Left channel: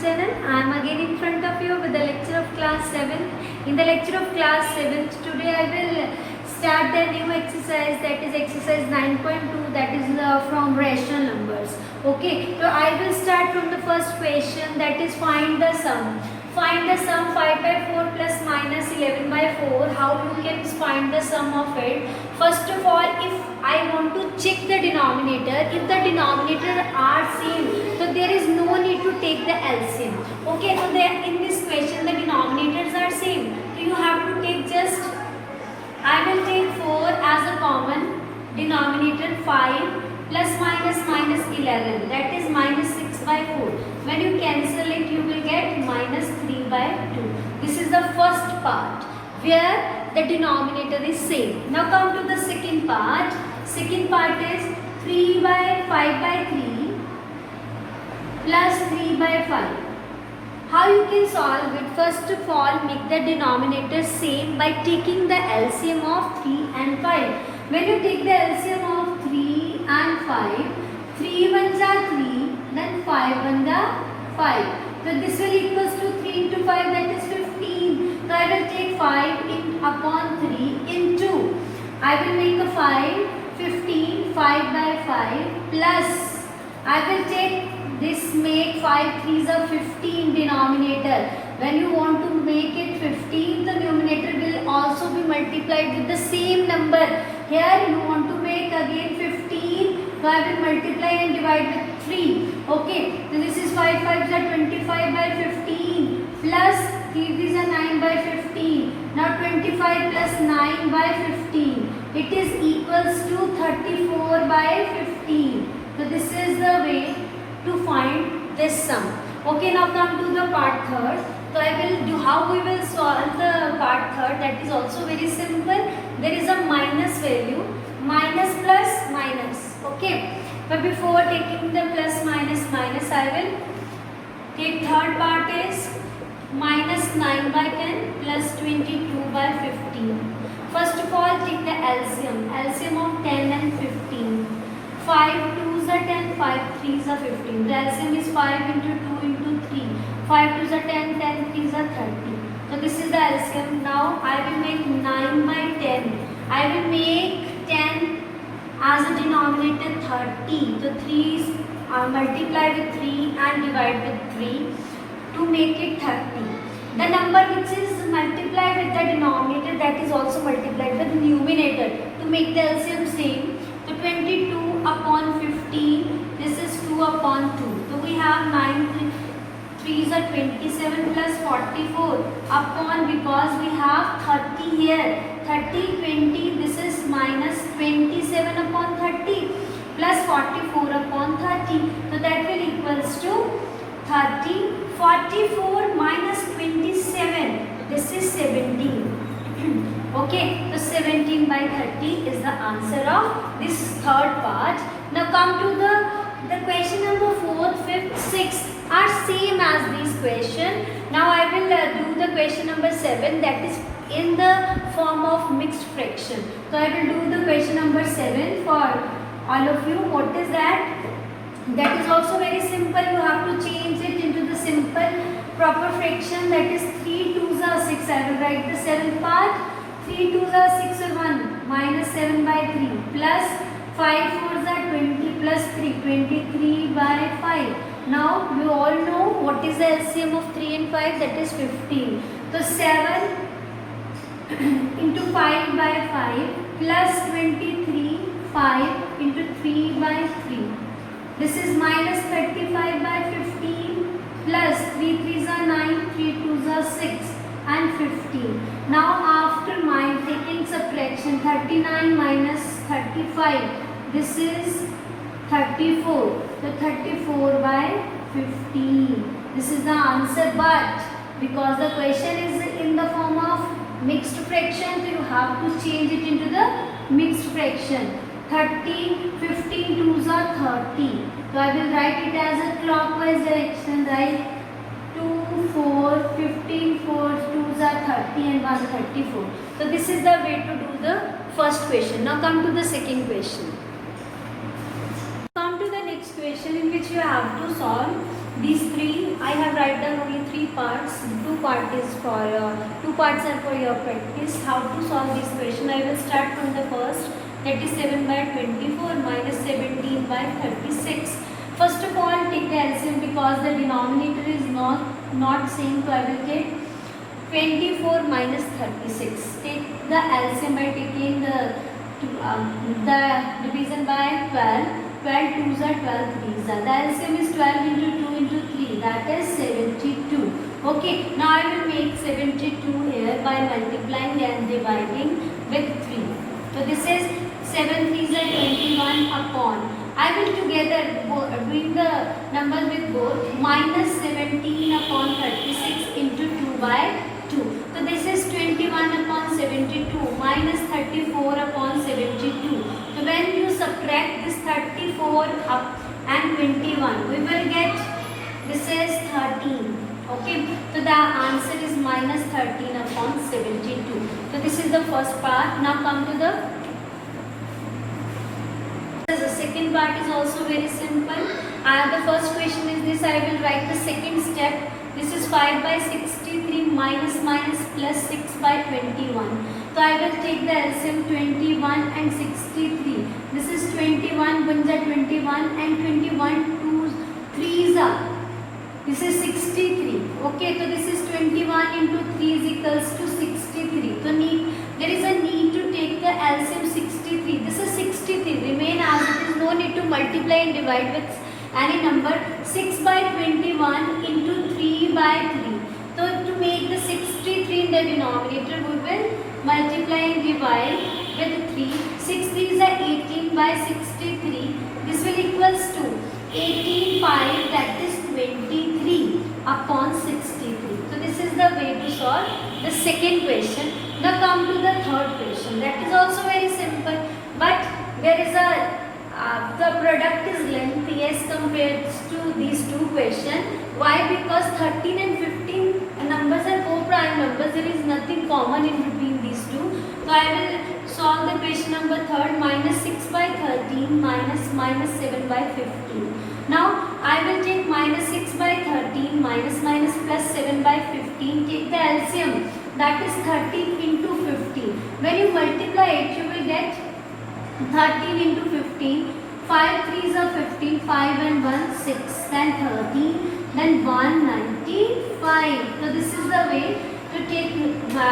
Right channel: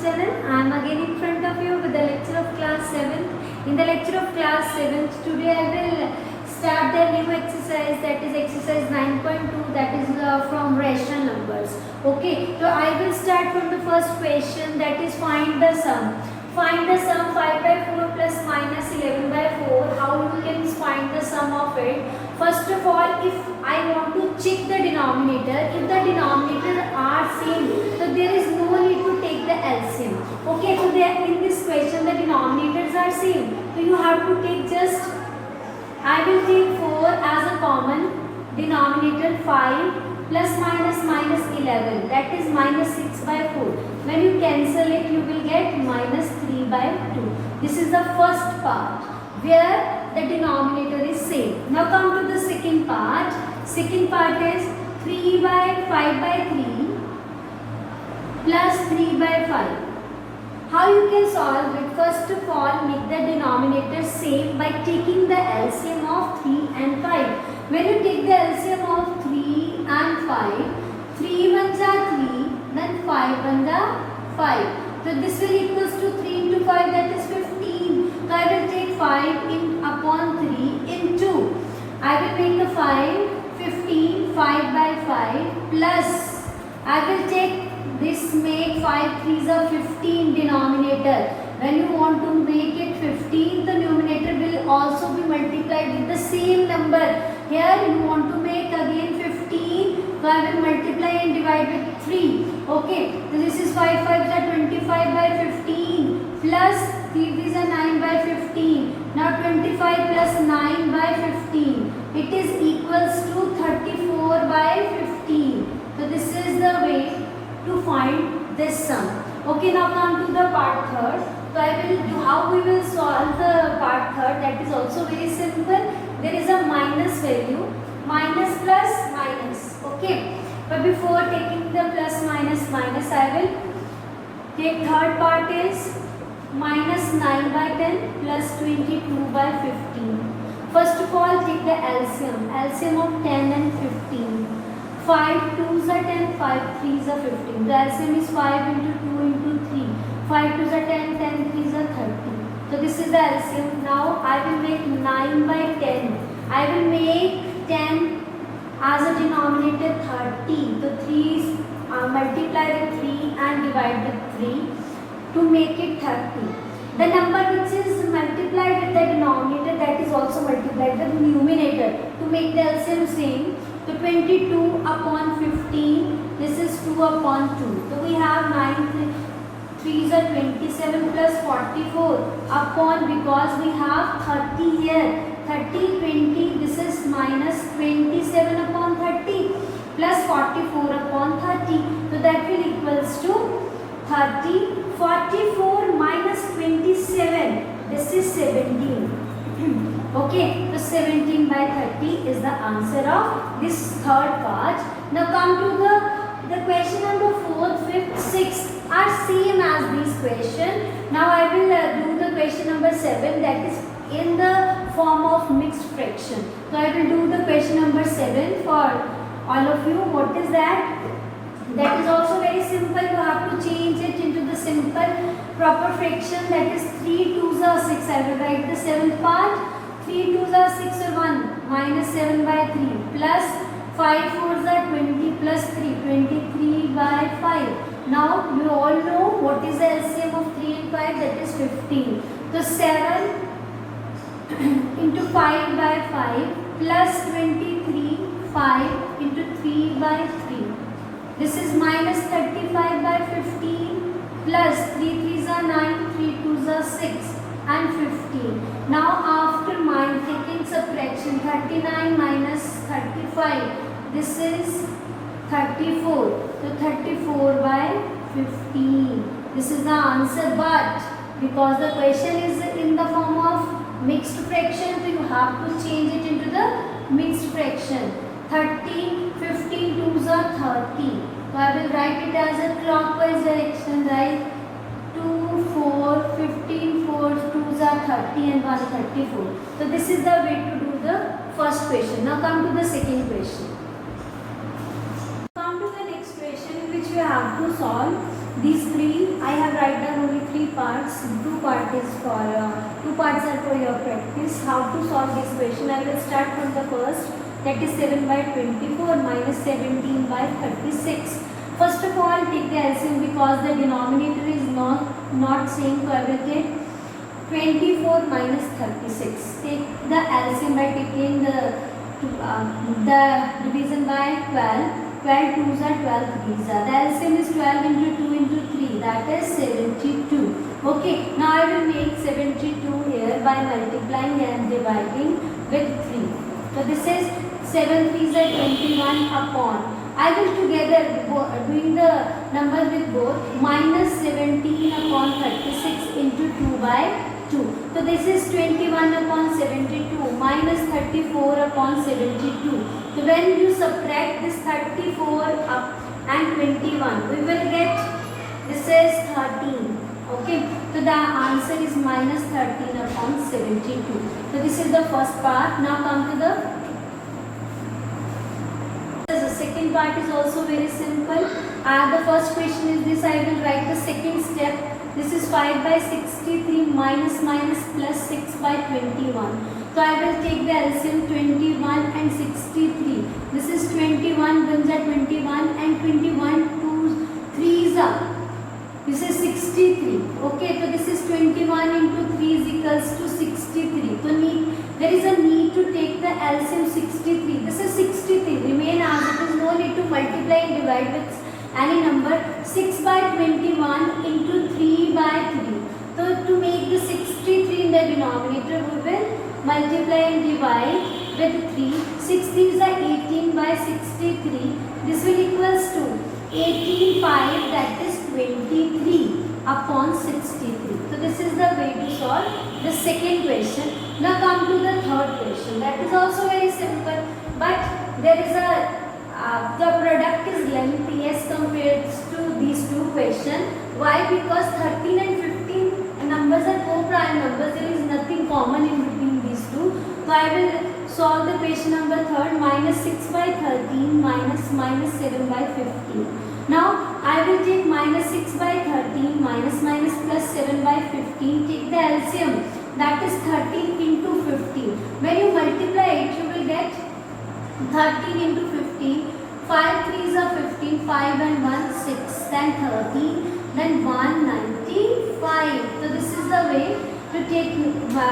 channel. I am again in front of you with the lecture of class 7th. In the lecture of class 7th, today I will start the new exercise, that is exercise 9.2, that is from rational numbers. Okay, so I will start from the first question, that is find the sum. Find the sum 5 by 4 plus minus 11 by 4. How you can find the sum of it? First of all, if I want to check the denominator, if the denominator are same, so there is no need to take the LCM. Okay, so there in this question the denominators are same. So you have to take just, I will take 4 as a common denominator, 5 plus minus 11, that is minus 6 by 4. When you cancel it, you will get minus 3 by 2. This is the first part where the denominator is same. Now come to the second part. Second part is 3 by 5 by 3 plus 3 by 5. How you can solve it? First of all, make the denominator same by taking the LCM of 3 and 5. When you take the LCM of 3 and 5, 3 ones are 3, then 5 ones are 5. So this will equals to 3 into 5, that is 15. So I will take 5 in upon 3 into, I will make a 5, 15, 5 by 5 plus, I will take this, make 5 3s are 15 denominator. When you want to make it 15, the numerator will also be multiplied with the same number. Here you want to make again 15, so I will multiply and divide with 3. Okay, so this is 5 5s are 25 by 15 plus 3 3s are 9 by 15. Now 25 plus 9 by 15. It is equals to 34 by 15. So this is the way to find this sum. Okay, now come to the part third. So I will do how we will solve the part third. That is also very simple. There is a minus value, minus plus minus. Okay, but before taking the plus minus, I will take third part is minus 9 by 10 plus 22 by 15. First of all, take the LCM of 10 and 15. 5 2s are 10, 5 3s are 15. The LCM is 5 into 2 into 3. 5 2s are 10, 10 3s are 30. So this is the LCM. Now I will make 9 by 10. I will make 10 as a denominator 30. The 3's multiply with 3 and divide with 3 to make it 30. The number which is multiplied with the denominator, that is also multiplied with the numerator to make the LCM same. So 22 upon 15, this is 2 upon 2. So we have 9 3s are 27 plus 44 upon, because we have 30 here. 30, 20, this is minus 27 upon 30 plus 44 upon 30. So that will equals to 30. 44 minus 27, this is 17. Okay, so 17 by 30 is the answer of this third part. Now come to the question number 4th, 5th, 6th are same as this question. Now I will do the question number 7, that is in the form of mixed fraction. So I will do the question number 7 for all of you. What is that? That is also very simple. You have to change it into the simple proper fraction, that is 3 2s are 6. I will write the 7th part. 3 2s are 6 or 1 minus 7 by 3 plus 5 4s are 20 plus 3, 23 by 5. Now you all know what is the LCM of 3 and 5, that is 15. So 7 into 5 by 5 plus 23, 5 into 3 by 3. This is minus 35 by 15 plus 3 3s are 9, 3 2s are 6 and 15. Now after taking subtraction, 39 minus 35, this is 34. So 34 by 15. This is the answer, but because the question is in the form of mixed fraction, so you have to change it into the mixed fraction. 30, 15 2s are 30. So I will write it as a clockwise direction, right? 2, 4, 15, 4, 2s are 30 and 1 34. So this is the way to do the first question. Now come to the second question. Come to the next question in which you have to solve these three, I have write down only three parts. Two parts are for your practice. How to solve this question? I will start from the first. That is 7 by 24 minus 17 by 36. First of all, take the LCM because the denominator is not same. So I will take 24 minus 36. Take the LCM by taking the division by 12. 12 2s are 12 3s are. The LCM is 12 into 2 into 3. That is 72. Okay. Now I will make 72 here by multiplying and dividing with 3. So this is 7 3s are 21 upon. I will together doing the numbers with both minus 17 upon 36 into 2 by 2. So this is 21 upon 72 minus 34 upon 72. So when you subtract this 34 up and 21, we will get this is 13. Okay. So the answer is minus 13 upon 72. So this is the first part. Now come to the second part is also very simple. The first question is this. I will write the second step. This is 5 by 63 minus plus 6 by 21. So I will take the LCM 21 and 63. This is 21 brings at 21 and 21 2 3s are. This is 63. Okay, so this is 21 into 3 is equals to 63. So there is a need to take the LCM 63. This is 63. Remain as it is. No need to multiply and divide with any number. 6 by 21 into 3 by 3. So to make the 63 in the denominator, we will multiply and divide with 3. 6 3s are 18 by 63. This will equals to 18 5, that is 23 upon 63. So this is the way to solve the second question. Now come to the third question. That is also very simple, but there is a the product is lengthy as compared to these two questions. Why? Because 13 and 15 numbers are co-prime numbers. There is nothing common in between these two. So I will solve the question number third. Minus 6 by 13 minus 7 by 15. Now I will take minus 6 by 13 minus plus 7 by 15. Take the LCM. That is 13 into 15. When you multiply it, you will get 13 into 15. 5 3s are 15. 5 and 1 6. Then 13. Then 195. So this is the way to take the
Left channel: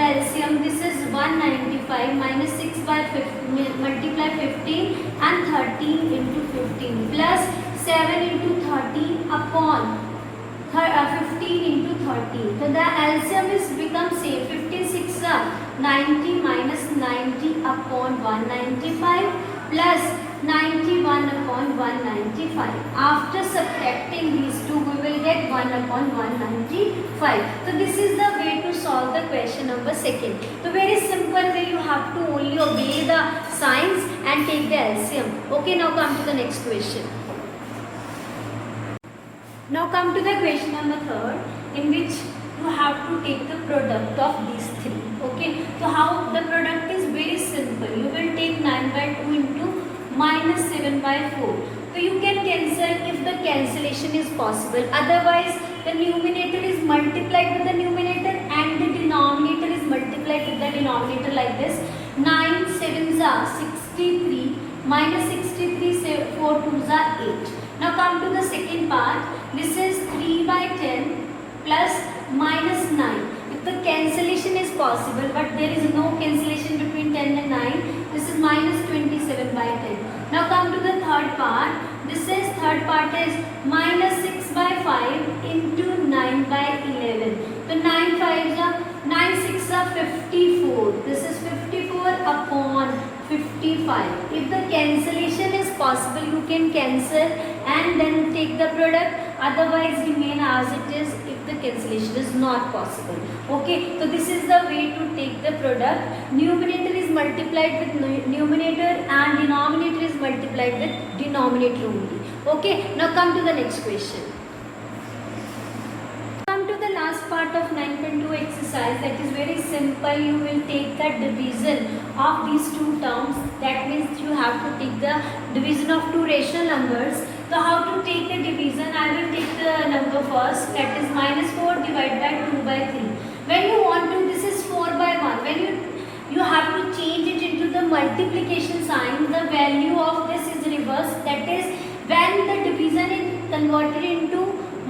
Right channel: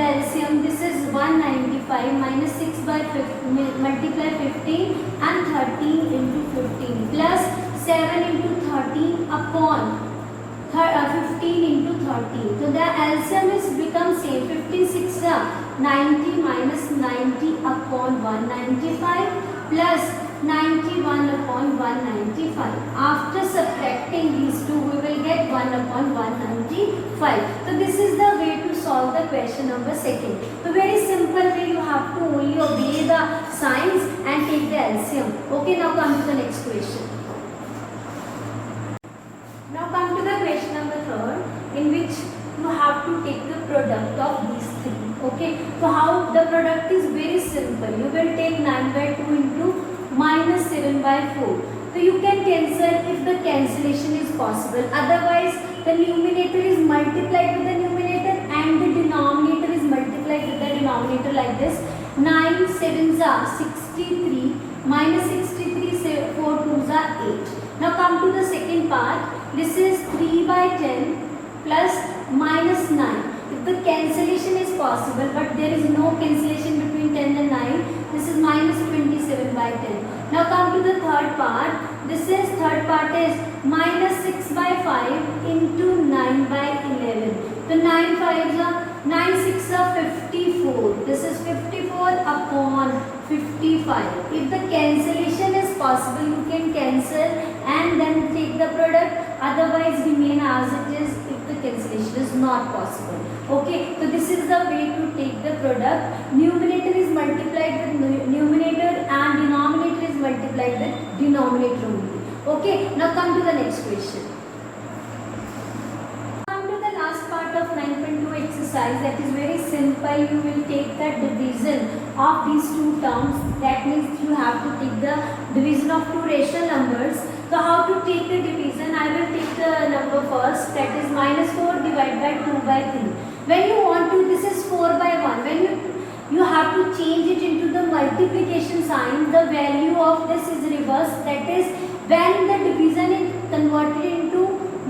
LCM. This is 195 minus 6 by 15, multiply 15 and 13 into 15 plus 7 into 13 upon 15 into 13. So the LCM is become same. 15 6 90 minus 90 upon 195 plus 91 upon 195. After subtracting these two, we will get 1 upon 195. So this is the way to solve the question number second. So very simple way, you have to only obey the signs and take the LCM. Okay, now come to the next question. Now come to the question number third, in which you have to take the product of these three. Okay, so how the product is very simple. You will take 9 by 2 into minus 7 by 4. So you can cancel if the cancellation is possible. Otherwise, the numerator is multiplied with the numerator and the denominator is multiplied with the denominator like this. 9 7s are 63 minus 63 4 2s are 8. Now come to the second part. This is 3 by 10 plus minus 9. If the cancellation is possible, but there is no cancellation between 10 and 9, this is minus 27 by 10. Now come to the third part. This is third part is minus 6 by 5 into 9 by 11. So 9 5s are 9 6 are 54. This is 54 upon 55. If the cancellation is possible, you can cancel and then take the product. Otherwise, remain as it is if the cancellation is not possible. Okay, so this is the way to take the product. Numerator is multiplied with numerator and denominator is multiplied with denominator only. Okay, now come to the next question. Come to the last part of 9.2 exercise. That is very simple. You will take the division of these two terms. That means you have to take the division of two rational numbers. So how to take the division? I will take the first, that is minus 4 divided by 2 by 3. When you want to, this is 4 by 1. When you have to change it into the multiplication sign, the value of this is reversed. That is, when the division is converted into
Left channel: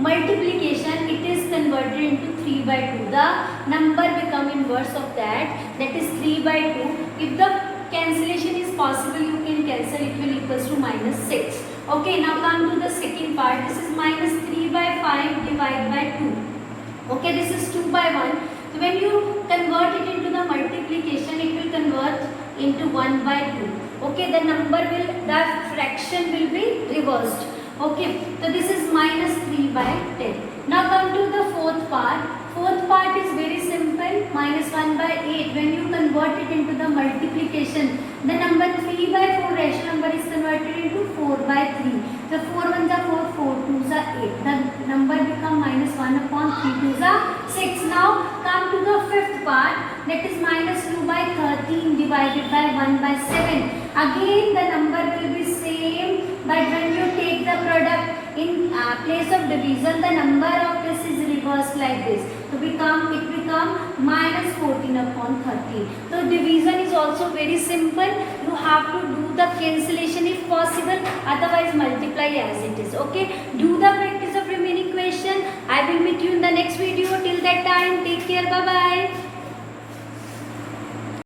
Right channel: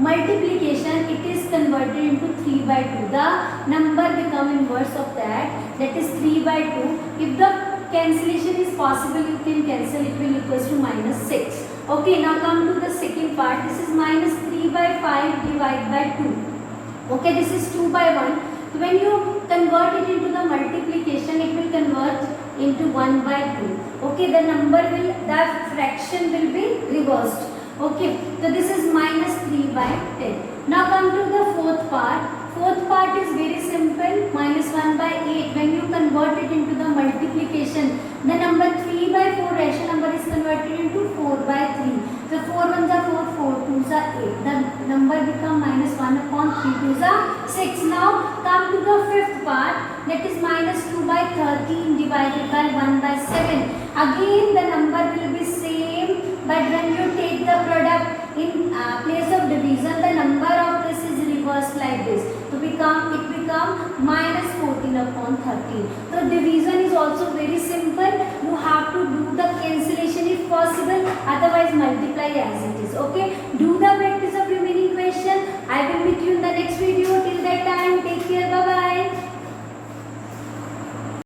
multiplication, it is converted into 3 by 2. The number become inverse of that. That is 3 by 2. If the cancellation is possible, you can cancel. It will equals to minus 6. Okay, now come to the second part. This is minus 3 by 5 divided by 2. Okay, this is 2 by 1. So when you convert it into the multiplication, it will convert into 1 by 2. Okay, the fraction will be reversed. Okay, so this is minus 3 by 10. Now come to the fourth part. Fourth part is very simple. Minus 1 by 8. When you convert it into the multiplication, the number 3 by 4 rational number is converted into 4 by 3. So 4 1 is 4, 4 2 is 8. The number become minus 1 upon 3 2 is 6. Now come to the fifth part. That is minus 2 by 13 divided by 1 by 7. Again the number will be same, but when you take the product in place of division, the number of this is reversed like this. So it become minus 14 upon 13. So division is also very simple. You have to do the cancellation if possible.